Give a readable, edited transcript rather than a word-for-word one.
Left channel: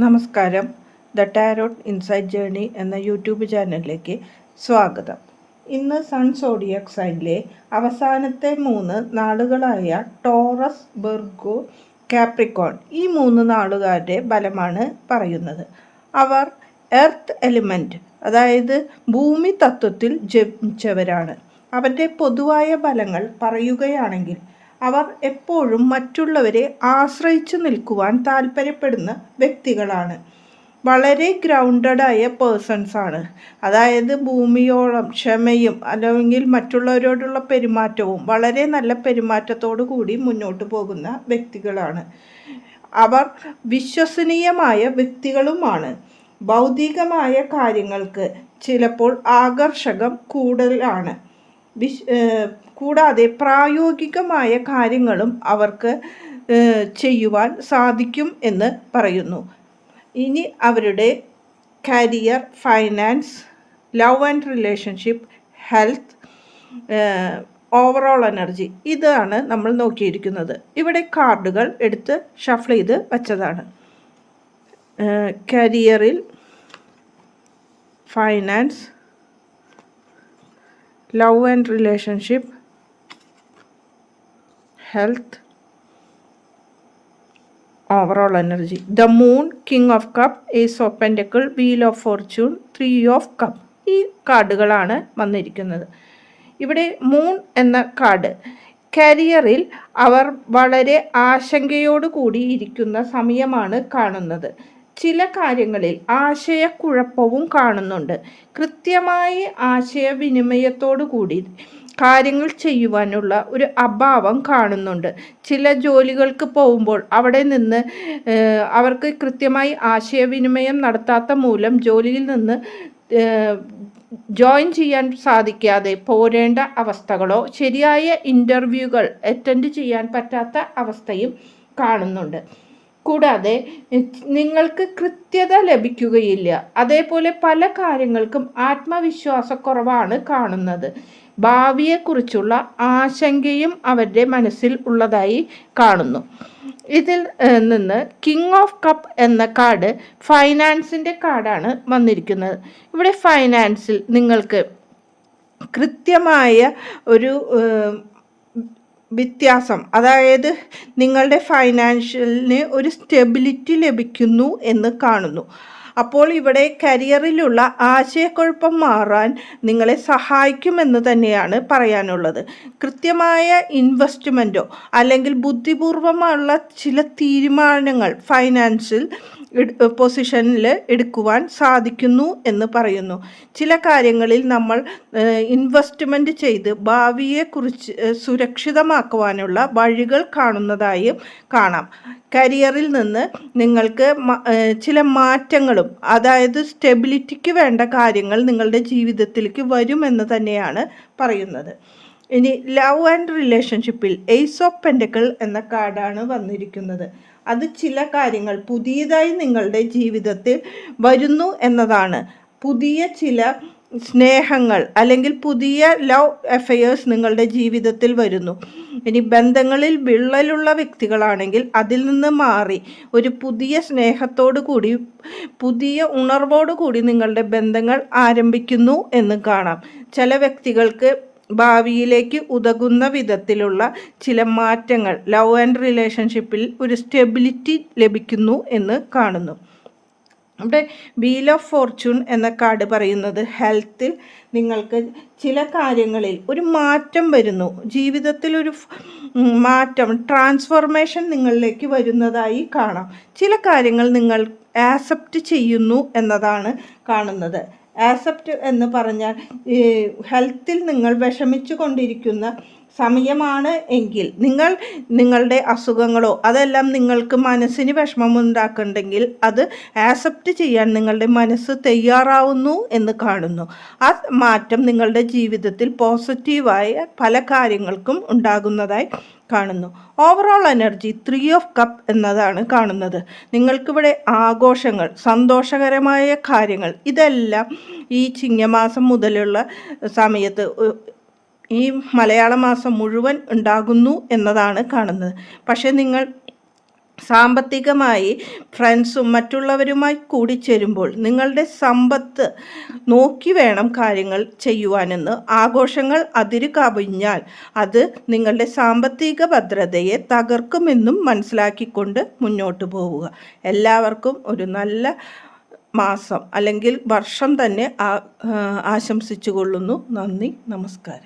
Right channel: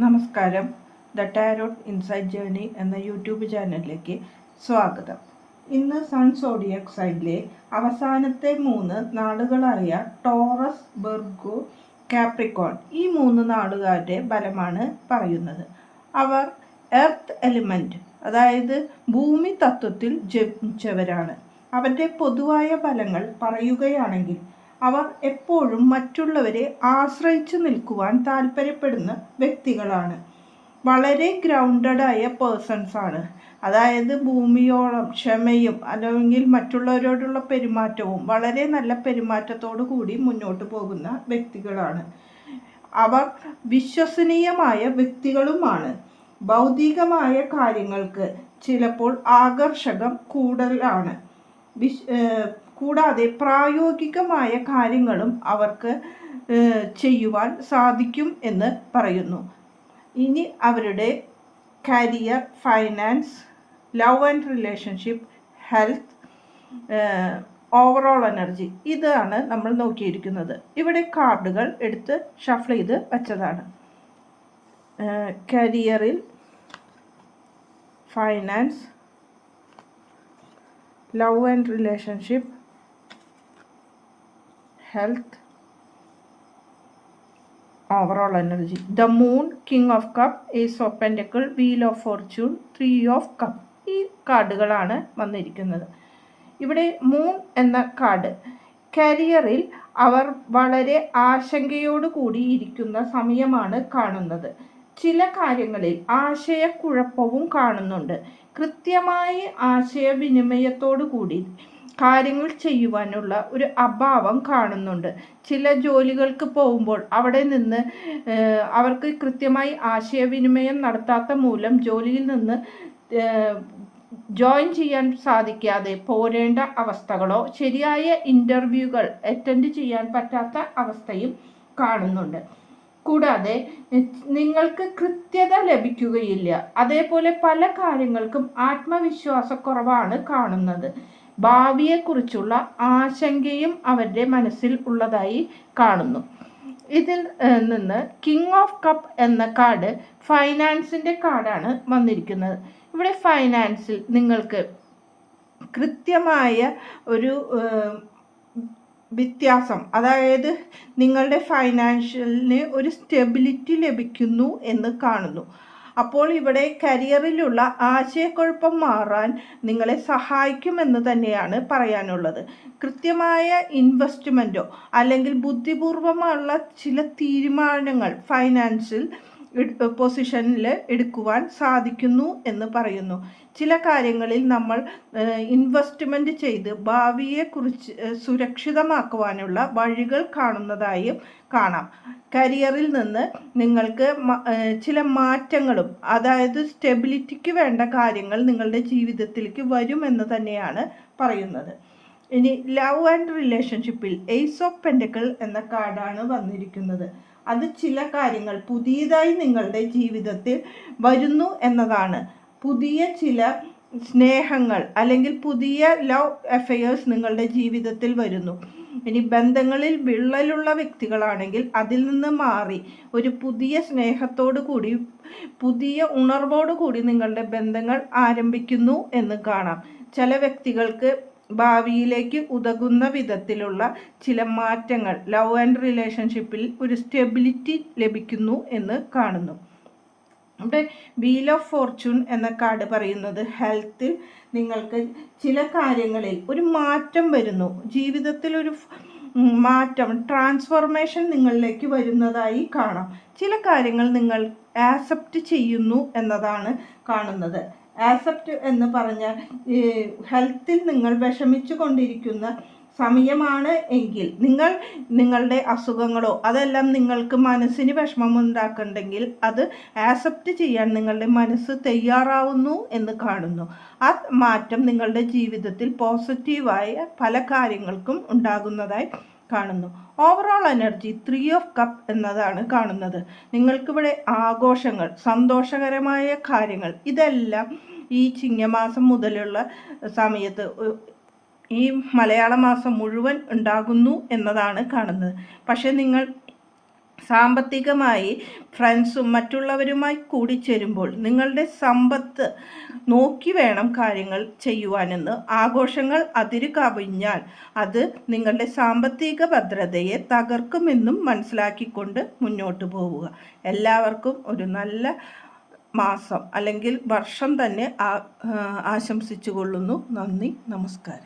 നമസ്കാരം. The tarot inside journey എന്ന YouTube ചാനലിലേക്ക് സ്വാഗതം. ഇന്ന് സൺ സോഡിയക് സൈനിലെ അവസാനത്തെ 3 നാളുകളായ ടോറസ്, വെർഗോ, കാപ്രിക്കോൺ, ഈ 3 നാളുകാരുടെ ബലമാണ് പറയുന്നത്. അവർ എർത്ത് എലിമെൻറ്റ്, അതായത് ഭൂമി തത്വത്തിൽ ജനിച്ചവരാണ്. അവരുടെ പൊതുവായ ഫലങ്ങൾ പറയുകയാണെങ്കിൽ അവർ എപ്പോഴും മറ്റുള്ളവരെ ആശ്രയിച്ചു നിൽക്കുവാൻ താല്പര്യപ്പെടുന്ന വ്യക്തികളാണ്. വളരെ ഗ്രൗണ്ടഡായ പേഴ്സൺസ് ആണ്. അതായത് ഭൂമിയോളം ക്ഷമയും അല്ലെങ്കിൽ മറ്റുള്ളവരോടുള്ള പെരുമാറ്റവും വളരെ നല്ല പെരുമാറ്റത്തോടു കൂടി മുന്നോട്ട് പോകുന്ന വ്യക്തികളാണ്. അവർ വിശ്വസനീയമായ വ്യക്തികളുമാണ്. ഭൗതികമായ കാര്യങ്ങൾക്ക് ചിലപ്പോൾ ആകർഷകം കൂടുതലാണ്. കൂടാതെ പ്രായോഗികമായ കാര്യങ്ങളും അവർക്ക് ചെയ്യുവാൻ സാധിക്കും എന്ന് പറയുന്നു. ഇനി അവരുടെ career, finance, love and relationship, health, overall energy, ഇതാണ് നമ്മൾ നോക്കിയിരിക്കുന്നത്. ഇവിടെ കാർഡുകൾ എടുത്ത് ഷഫിൾ ചെയ്ത് വച്ചതാണ്. കരിയറിൽ, finance, love and relationship, health, overall energy. The moon, king of cup, ace of pentacle, wheel of fortune, 3 of cup, ഈ കാർഡുകളാണ് വന്നിരിക്കുന്നത്. ഇവിടെ മൂൺ എന്ന കാർഡ് കരിയറിൽ അവർ വളരെ ആശങ്കയോടു കൂടി ഇരിക്കുന്ന സമയമാണ് കാണുന്നത്. ചില കാര്യങ്ങളിൽ ആശയക്കുഴപ്പവും കാണുന്നുണ്ട്. കൃത്യമായി ആശയവിനിമയത്തോടു കൂടി കാര്യങ്ങൾ ചെയ്യുവാനുള്ള ഒരു അഭാവം കാണുന്നുണ്ട്. ചില ജോലികൾക്ക് പോകുമ്പോൾ അവിടെ നിന്ന് അവർക്ക് കൃത്യമായി ആശയവിനിമയം നടത്താത്ത മൂലം ജോലിയിൽ നിന്ന് ജോയിൻ ചെയ്യാൻ സാധിക്കാതെ പോരേണ്ട അവസ്ഥകളോ ശരിയായ ഇൻ്റർവ്യൂകൾ അറ്റൻഡ് ചെയ്യാൻ പറ്റാത്ത അവസ്ഥയും കാണുന്നുണ്ട്. കൂടാതെ നിങ്ങൾക്ക് കൃത്യത ലഭിക്കുകയില്ല. അതേപോലെ പല കാര്യങ്ങൾക്കും ആത്മവിശ്വാസക്കുറവാണ് കാണുന്നത്. ഭാവിയെക്കുറിച്ചുള്ള ആശങ്കയും അവരുടെ മനസ്സിൽ ഉള്ളതായി കാണുന്നു. ഇതിൽ നിന്ന് കിങ് ഓഫ് കപ്പ് എന്ന കാർഡ് ഫൈനാൻസിൻ്റെ കാർഡാണ് വന്നിരിക്കുന്നത്. ഇവിടെ ഫൈനാൻസിൽ നിങ്ങൾക്ക് കൃത്യമായ ഒരു വ്യത്യാസം, അതായത് നിങ്ങളുടെ ഫൈനാൻഷ്യലിന് ഒരു സ്റ്റെബിലിറ്റി ലഭിക്കുന്നു എന്ന് കാണുന്നു. അപ്പോൾ ഇവിടെ കരിയറിലുള്ള ആശയക്കുഴപ്പം മാറാൻ നിങ്ങളെ സഹായിക്കുമെന്ന് തന്നെയാണ് പറയാനുള്ളത്. കൃത്യമായ ഇൻവെസ്റ്റ്മെൻറ്റോ അല്ലെങ്കിൽ ബുദ്ധിപൂർവമുള്ള ചില തീരുമാനങ്ങൾ ഫൈനാൻഷ്യൽ പൊസിഷനിൽ എടുക്കുവാൻ സാധിക്കുന്നു എന്ന് പറയുന്നു. ചില കാര്യങ്ങളിൽ നമ്മൾ ഇൻവെസ്റ്റ്മെൻറ്റ് ചെയ്ത് ഭാവിയെക്കുറിച്ച് സുരക്ഷിതമാക്കുവാനുള്ള വഴികൾ കാണുന്നതായും കാണാം. കരിയറിൽ നിന്ന് നിങ്ങൾക്ക് ചില മാറ്റങ്ങളും, അതായത് സ്റ്റെബിലിറ്റിക്ക് വേണ്ട കാര്യങ്ങൾ നിങ്ങളുടെ ജീവിതത്തിലേക്ക് വരുമെന്ന് തന്നെയാണ് പറയുന്നത്. ഇനി ലവ് ആൻഡ് റിലേഷൻഷിപ്പിൽ ഏസ് ഓഫ് പെൻറ്റക്കിൾ എന്ന കാർഡാണ് വന്നിരിക്കുന്നത്. അത് ചില കാര്യങ്ങൾ പുതിയതായി നിങ്ങളുടെ ജീവിതത്തിൽ വരുന്നു എന്നതാണ്. പുതിയ ചില സ്നേഹങ്ങൾ അല്ലെങ്കിൽ പുതിയ ലവ് അഫെയേഴ്സ് നിങ്ങളുടെ ജീവിതത്തിൽ വരുന്നു. ഇനി ബന്ധങ്ങളിൽ വിള്ളലുള്ള വ്യക്തികളാണെങ്കിൽ അതിൽ നിന്ന് മാറി ഒരു പുതിയ സ്നേഹത്തോടു കൂടി, പുതിയ ഉണർവോടു കൂടി നിങ്ങളുടെ ബന്ധങ്ങൾ ആരംഭിക്കുന്നു എന്ന് കാണാം. ചില വ്യക്തികൾക്ക് ഭാവിയിലേക്ക് ഉതകുന്ന വിധത്തിലുള്ള ചില മാറ്റങ്ങൾ ലവ് ആൻഡ് റിലേഷൻഷിപ്പിൽ ഒരു സ്റ്റെബിലിറ്റി ലഭിക്കുന്നു എന്ന് കാണുന്നു. അവിടെ വീൽ ഓഫ് ഫോർച്യൂൺ എന്ന കാർഡ് പറയുന്നത് ഹെൽത്തിൽ നിങ്ങൾക്ക് ചില കാര്യങ്ങളിൽ ഒരു മാറ്റം വരുന്നു. ജീവിതത്തിൽ ഒരു മാറ്റം, ട്രാൻസ്ഫോർമേഷൻ നിങ്ങളിലേക്ക് വരുന്നതായി കാണാം. ചില കാര്യങ്ങൾ നിങ്ങൾ ആക്സെപ്റ്റ് ചെയ്യുന്നു എന്നതാണ് കാണുന്നത്. ആക്സെപ്റ്റ് എന്ന് പറഞ്ഞാൽ ഹെൽത്തിൽ നിങ്ങൾ വിഷമിച്ചു കൊണ്ടിരിക്കുന്ന സമയമാണ് എങ്കിൽ നിങ്ങളുടെ അസുഖങ്ങളോ അതെല്ലാം നിങ്ങൾക്ക് മനസ്സിന് വിഷമമുണ്ടാക്കുന്നുണ്ടെങ്കിൽ അത് ആക്സെപ്റ്റ് ചെയ്യാൻ നിങ്ങളുടെ മനസ്സ് തയ്യാറാവുന്നു എന്ന് കാണുന്നു. ആ മാറ്റം നിങ്ങളുടെ ജീവിതത്തിൽ പോസിറ്റീവായ പല കാര്യങ്ങൾക്കും ഉണ്ടാകുന്നതായി കാണുന്നു. ഓവറോൾ എനർജി 3 ഓഫ് കപ്പ് എന്നതാണ് കാണുന്നത്. നിങ്ങൾക്കിവിടെ ആഘോഷങ്ങൾ, സന്തോഷകരമായ കാര്യങ്ങൾ, ഇതെല്ലാം ഈ ചിങ്ങമാസം മുതലുള്ള സമയത്ത്, ഈ മലയാള മാസം മുഴുവൻ ഉണ്ടാകുന്നു എന്നതാണ് കാണുന്നത്. പക്ഷേ നിങ്ങൾ സാമ്പത്തികമായി ഫ്രണ്ട്സും മറ്റുള്ളവരുമായി കൂടിച്ചേരുമ്പോൾ നിങ്ങളുടെ സമ്പത്ത് നോക്കി വേണം കാര്യങ്ങൾ ചെയ്യുവാനെന്ന്. ആഘോഷങ്ങൾ അതിരു കവിഞ്ഞാൽ അത് നിങ്ങളുടെ സാമ്പത്തിക ഭദ്രതയെ തകർക്കുമെന്നും മനസ്സിലാക്കിക്കൊണ്ട് മുന്നോട്ട് പോവുക. എല്ലാവർക്കും ഒരു നല്ല മാസം അല്ലെങ്കിൽ വർഷം തന്നെ ആശംസിച്ചു കൊള്ളുന്നു. നന്ദി, നമസ്കാരം.